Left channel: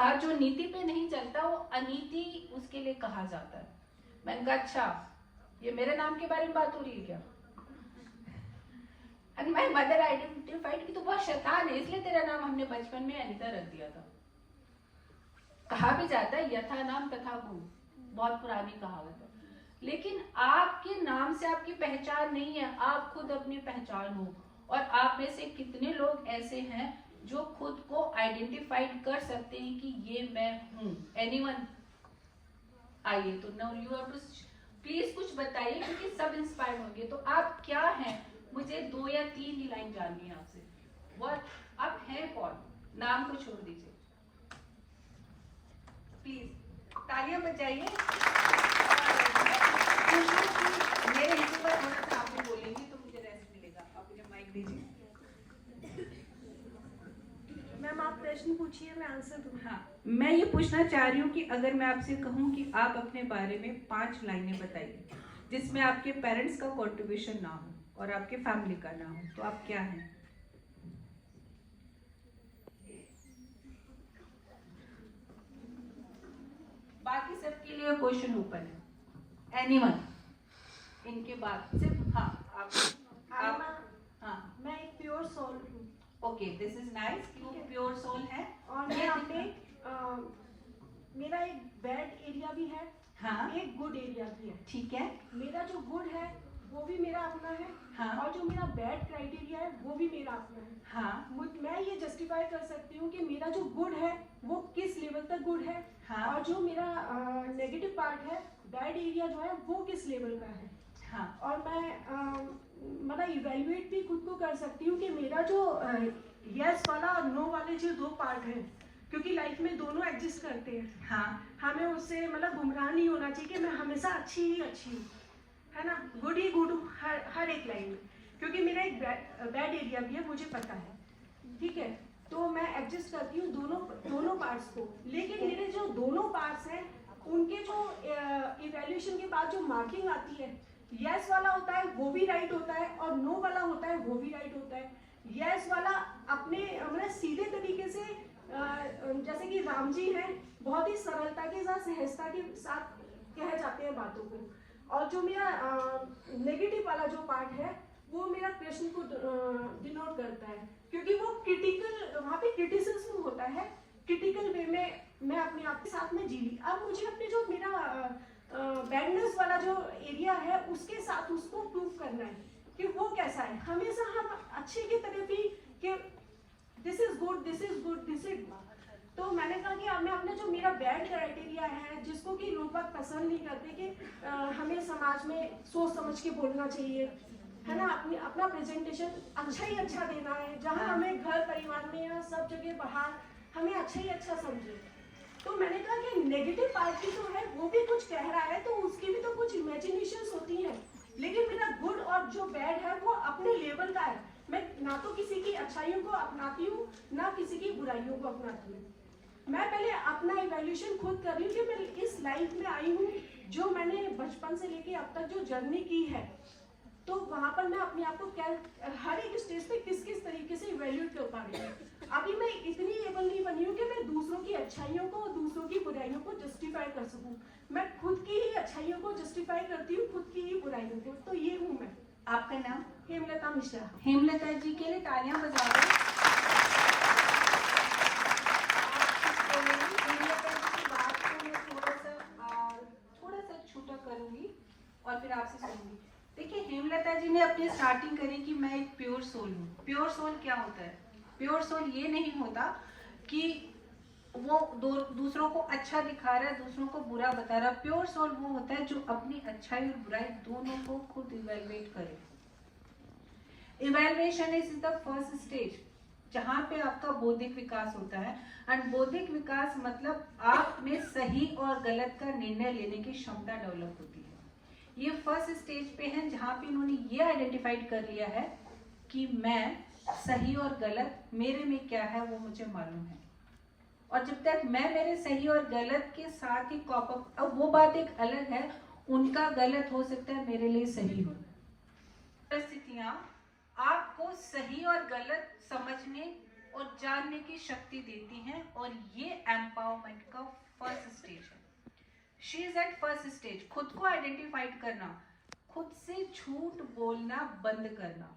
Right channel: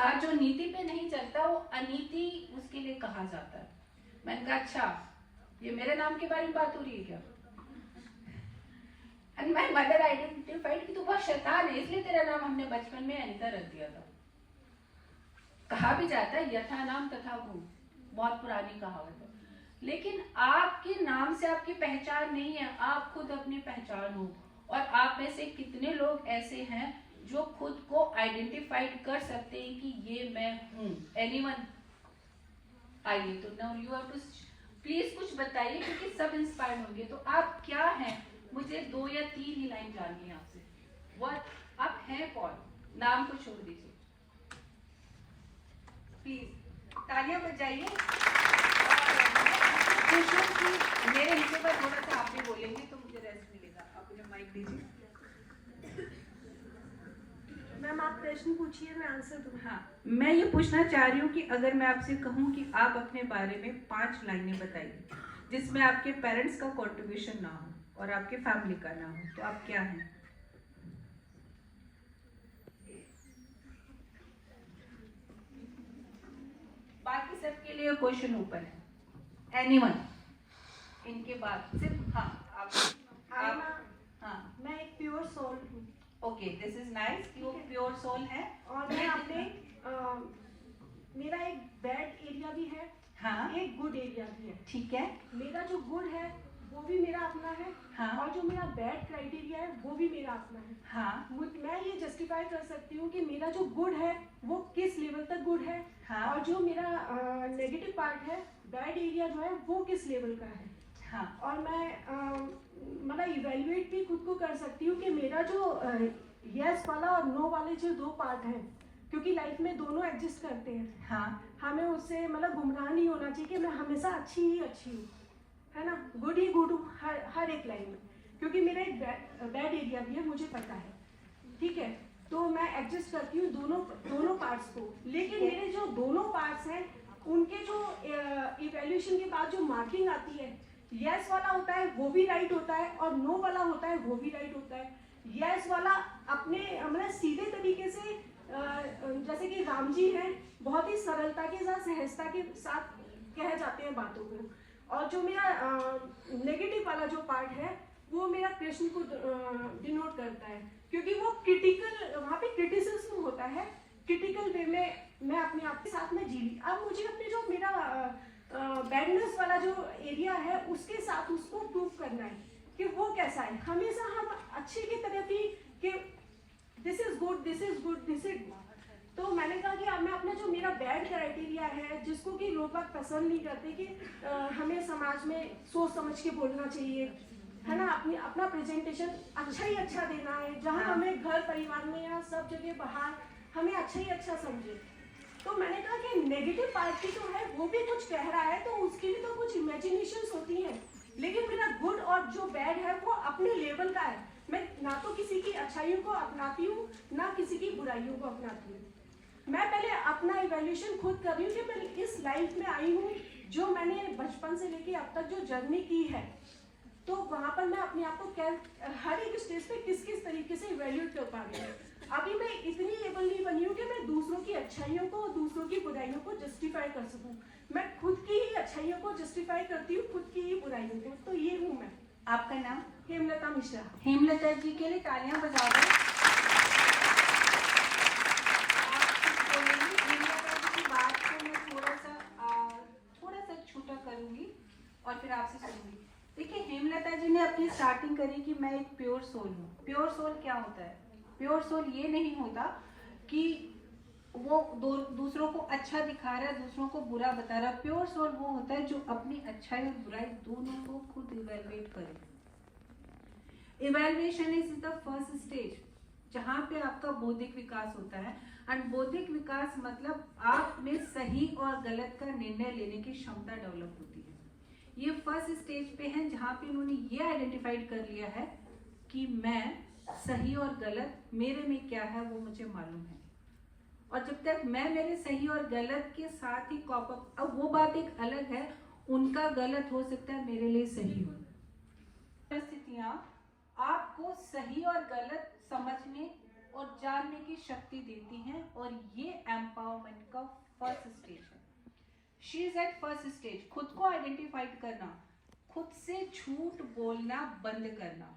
कहा जो नीति पे नहीं चलता वो अनीति उसके लिए कहा जाता है। मैंने कहा अच्छा ये मेरे नाम के बारे में बात हो रही है क्या? एंड माय मदर आइडेंटिफाइड कि तू बहुत शैतान है इसलिए तेरा नाम हमने बचपन में अनीता रख दिया था। कहा भी जाता है यथा नाम तथा गुण, बहुत पुरानी कहावत है। लेकिन आपके नाम से आपकी पहचान नहीं है, आप खुद अपनी पहचान हो। और आप में से कितने लोग ऐसे हैं जो खुद को आइडेंटिफाइड कर सकते हैं कि ये मैं हूं? एनीवन? आइए, तो now you have to please कुछ बताइए क्योंकि सब इंस्पायर्ड होंगे। तो आप क्या हैं? मुझे 2 या 3 ही लाइन जाननी है आपसे। व्हाट आप हैं कौन? नाम को छोड़ दीजिए प्लीज, तालियां बजाइए। मेरे हिस्से पर थोड़ा सा आप भी बोलेंगे तो मुझे रेस्ट मिलेगा। आप मुझे माइक दीजिए। मैम आप प्रश्न पूछिए, मैं आंसर दूँ। हाँ, मैं ये पूछना चाह रही हूँ कि अगर मैं आपसे कहूँ कि आप अपने बारे में 5 लाइनें बताइए जिसमें आपके पेरेंट्स का कंट्रीब्यूशन ना हो और आपके फैमिली का ना हो, तो आप क्या हैं? बाकी सबके लिए क्वेश्चन ओपन है। एनीवन? इनके बाद सिर्फ हाँ आप हाँ। मैं एक प्योर सोल हूँ। Okay, this is nice. वो प्योर सोल है और मैं अपने मेरा एक बैड एरिया भी है, हाँ, एक गुड एरिया भी है। ठीक है। मेरा जो गुड है वो भी मेरा अपना है, हाँ, और जो मेरा बैड क्राइटेरिया है वो भी मेरा अपना है। हाँ, मैं ये जस्टिफाई कर सकती हूँ कि मेरा जो गुड है वो किस लेवल तक गुड है, हाँ, और जो मेरा नेगेटिव पार्ट है, बैड एरिया जो है वो किस लेवल का है। हाँ, और मैं मतलब इवेल्युएट भी खुद को कर सकती हूँ कि मेरा जो यस वाला और नो वाले जो 2 पार्ट हैं, क्योंकि लाइफ में दोनों एग्जिस्ट करते हैं। हाँ, हमें उससे मतलब गुमराह नहीं होना चाहिए कि मैं हमेशा अच्छी ही अच्छी हूँ, है ना, गुड ही गुड हूँ हर एक लाइन में, क्योंकि मेरा एक बैड एरिया भी है, मुझे पता है, ठीक है। तो मैं एडजस्ट करती हूँ दोनों पार्ट्स को। लेकिन मेरे जो दोनों पार्ट्स हैं उनके जो इवैल्यूएशन के बाद जो मार्किंग आती है, यस वाला होता है वो भी राइट होता है और नो वाला होता है वो भी राइट होता है। यस वाला अपने मतलब सीधे तरीके से जैसे कि राम जी हैं, बहुत ही सरलता के साथ सहजता के साथ कह जाते हैं बातों को। और जो मेरा नेगेटिव वाला जो पार्ट है वो मेरा कृष्ण को डिनोट करता है, क्योंकि वो क्रिटिकल, वहाँ पे क्रिटिसिज्म होता है, क्रिटिकल वे में मैं अपने आप के साथ में जी ली। अब मुझे अपने जो मेरा बैडनेस वाला जो एरिया है उसके साथ उसको प्रूव करना है कि वो कैसा है। हमेशा हम अच्छे की तरफ ही कि this is good, this is good, this is good. तो मैंने कहा कि अब मैं अपना जो मेरा बैड क्राइटेरिया है, जिसको कि लोग बात पसंद नहीं करते कि हमें समाज में सोच समझ के बोलना चाहिए, है ना, अपना प्रेजेंटेशन अच्छा ही अच्छा देना है, जहाँ हमें घर परिवार में या सब जगह बाहर हमें अच्छा ही अच्छा समझे। तो मैंने कहा कि नेगेटिव पार्टी तो है, वो भी कुछ कह रहा है तो उसकी भी तो कुछ इमेजिनेशंस होती हैं, लेकिन मेरा गुड और जो बैड है वो अपने लेवल का है। मैं ना तो किसी की अच्छाइयों को अपनाती हूँ ना किसी की बुराइयों को अपनाती हूँ। मैं पहले अपना इवैल्यूएशन खुद कर रही हूँ कि मैं इस लाइफ में आई हूँ, जो मैंने बचपन से लेके अब तक जो जर्नी की है, तो वहां पर मैं अपने आप को हर एक स्टेज पे किस किस तरीके से इवैल्यूएट कर पा रही हूँ। अभी मैं इतनी एबल नहीं बनी हूँ कि मैं दूसरों की अच्छाइयों को और दूसरों की बुराइयों को जस्टिफाई कर सकूँ। मैं खुद की ही अच्छाइयों को जस्टिफाई करती हूँ, खुद की ही बुराइयों को। तो ये हूँ मैं। आपका नाम? हेमलता मिश्रा। हेमलता जी के लिए तालियां बजा दो। हेमलता जी की बात को मैं थोड़ा सा छोटा करूंगी और फिर आपसे सुनूंगी। देखिए, हेमलता जी ने अपनी स्टार्टिंग करी कि मैं एक प्योर सोल हूँ। प्योर सोल क्या होता है? प्योर सोल ये नहीं होता कि वो दूसरों को अच्छा दिखा रहा है, दूसरों को बुरा बता रहा है। प्योर सोल वो होता है जो अपनी अच्छाई और बुराई दोनों को खुद इवैल्यूएट करे। Evaluation is the first stage जहां पे आपका बौद्धिक विकास होता है। एंड बौद्धिक विकास मतलब आप में सही और गलत का निर्णय लेने की क्षमता डेवलप होती है। ये फर्स्ट स्टेज पे है जहां पे उन्होंने ये आइडेंटिफाइड कर लिया है कि मैं सही और गलत मेरे में क्या है वो मुझे मालूम है। और जब तक मैं मेरे सही और गलत के साथ ही कॉप अप, अब वो बात एक अलग है, उनका गलत हो सकता है, मेरे लिए सही हो। परिस्थितियां आपको सही और गलत समझने और जानने की शक्ति देती हैं, और ये एम्पावरमेंट एम्पावरमेंट का फर्स्ट स्टेज है। She is at first stage. खुद को आइडेंटिफाइड करना, खुद से झूठ बोलना बंद करना,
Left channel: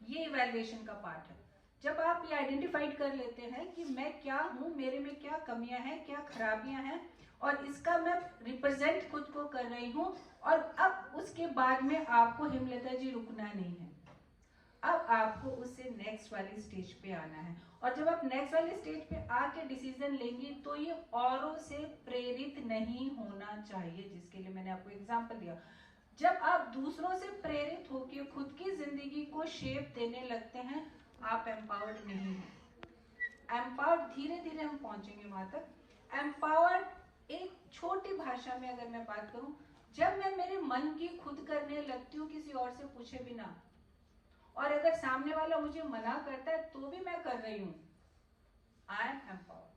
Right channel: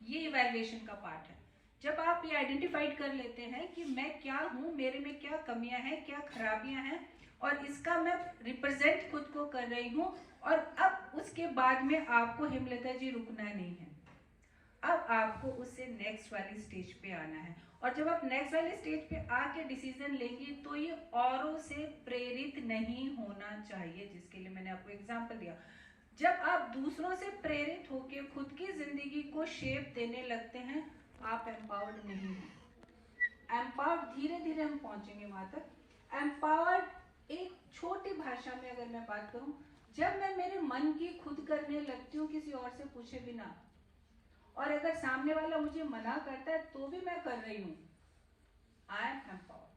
ये इवैल्यूएशन का पार्ट है। जब आप ये आइडेंटिफाइड कर लेते हैं कि मैं क्या हूं, मेरे में क्या कमियां हैं, क्या खराबियां हैं, और इसका मैं रिप्रेजेंट खुद को कर रही हूं, और अब उसके बाद में आपको हेमलता जी रुकना नहीं है। अब आपको उससे नेक्स्ट वाली स्टेज पे आना है, और जब आप नेक्स्ट वाली स्टेज पे आके डिसीजन लेंगी तो ये औरों से प्रेरित नहीं होना चाहिए, जिसके लिए मैंने आपको एग्जांपल दिया। जब आप दूसरों से प्रेरित होकर खुद की जिंदगी को शेप देने लगते हैं, आप एम्पावर्ड नहीं हो। एम्पावर्ड धीरे धीरे हम पहुंचेंगे वहां तक। एम्पावर्ड एक छोटी भाषा में अगर मैं बात करूं, जब मैं मेरे मन की खुद करने लगती हूँ किसी और से पूछे बिना, और अगर सामने वाला मुझे मना करता है तो भी मैं कर रही हूं, आई एम एम्पावर्ड।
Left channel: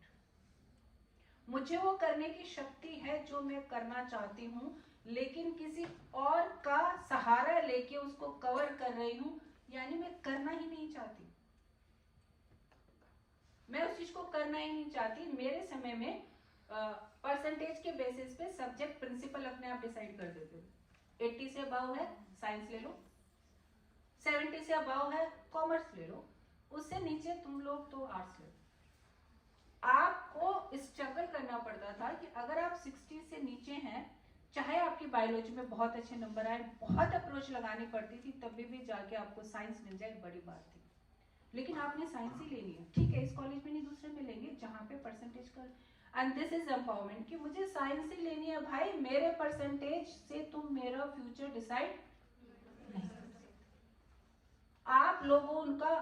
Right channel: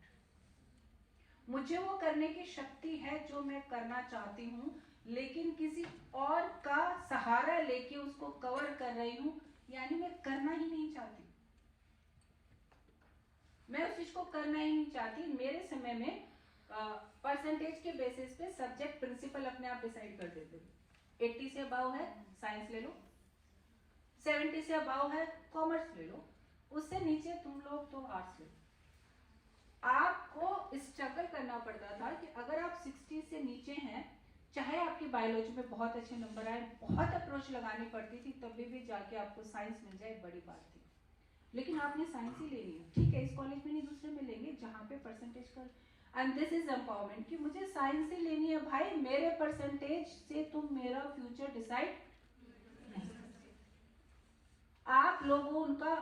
मुझे वो करने की शक्ति है जो मैं करना चाहती हूं, लेकिन किसी और का सहारा लेके उसको कवर कर रही हूं, यानी मैं करना ही नहीं चाहती। मैं उस चीज को करना ही नहीं चाहती। मेरे समय में परसेंटेज के बेसिस पे सब्जेक्ट प्रिंसिपल अपने आप डिसाइड कर देते थे। 80 से अबव है साइंस ले लो, 70 से अबव है कॉमर्स ले लो, उससे नीचे तुम लोग तो आर्ट्स ले लो। आपको स्ट्रगल करना पड़ता था कि अगर आप 60 से नीचे हैं, चाहे आपकी बायोलॉजी में बहुत अच्छे नंबर आए, बहुत अप्रोच लगानी पड़ती थी, तभी भी जाके आपको साइंस मिल जाए बड़ी बात थी। लेकिन आपने साइंस ही ले लिया, ठीक है, इस कॉलेज में नहीं दूसरे में लेंगे जहां पे परसेंटेज कर, एंड दिस इज एम्पावरमेंट कि मुझे साइंस ही लेनी है। भाई मेरे परसेंटेज से तुम मेरा फ्यूचर डिसाइड नहीं कर सकते। आप लोगों उनका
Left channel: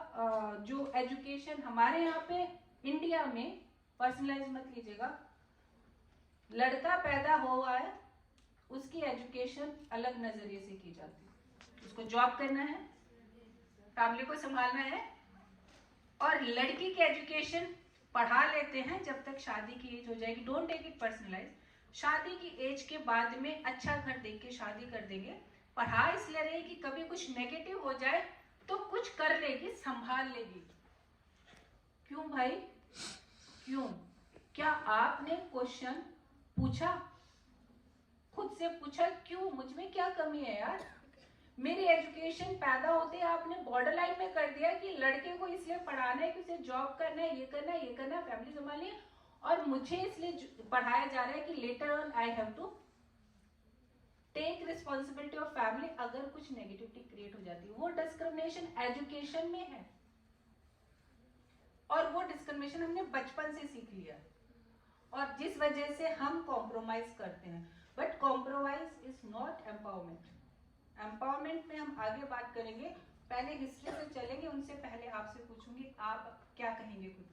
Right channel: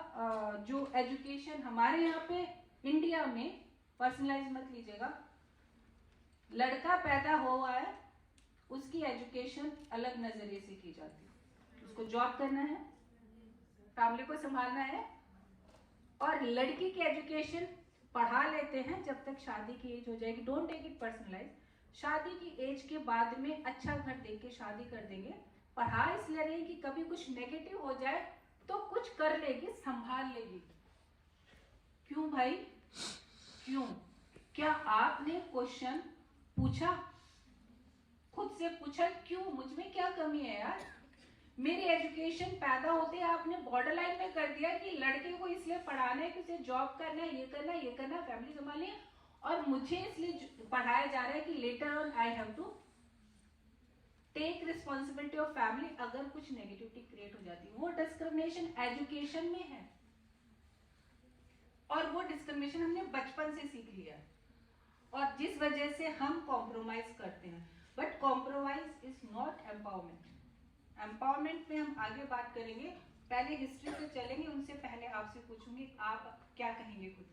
जो एजुकेशन हमारे यहाँ पे इंडिया में, पर्सनलाइज मत लीजिएगा, लड़का पैदा हुआ है उसकी एजुकेशन अलग नजरिए से की जाती है। उसको जॉब करना है, फैमिली को संभालना है, और लड़की की एजुकेशन पढ़ा लेते हैं जब तक शादी की एज हो जाएगी। Don't take it personalize. शादी की एज के बाद में अच्छा घर देख के शादी कर देंगे। पढ़ा इसलिए रही कि कभी कुछ नेगेटिव हो जाए तो कुछ कर लेगी, संभाल लेगी। क्यों भाई, क्यों? क्या आपने क्वेश्चन पूछा, खुद से पूछा क्यों, मुझ में क्या कमी है यार? मेरी एजुकेशन पैदा होते आपने बॉर्डर लाइन में कर दिया कि लड़के को इसलिए पढ़ाना है कि उसे जॉब करना है, ये करना है, ये करना है, फैमिली संभालनी है, और मुझे इसलिए पढ़ाया जा रहा है कि later on I have to take responsibility of family अगर कुछ नेगेटिविटी क्रिएट हो जाती है। वो डिस्क्रिमिनेशन एजुकेशन में है, और वो डिस्क्रिमिनेशन हमने बचपन से सीख लिया, और जिस वजह से हम कॉम्प्रोमाइज करते हैं। But compromise is not empowerment. Empowerment में हम आगे बात करेंगे, पहले हिस्ट्री से चलेंगे। उनसे पहले आपसे पूछूंगी आप क्या कहेंगे खुद के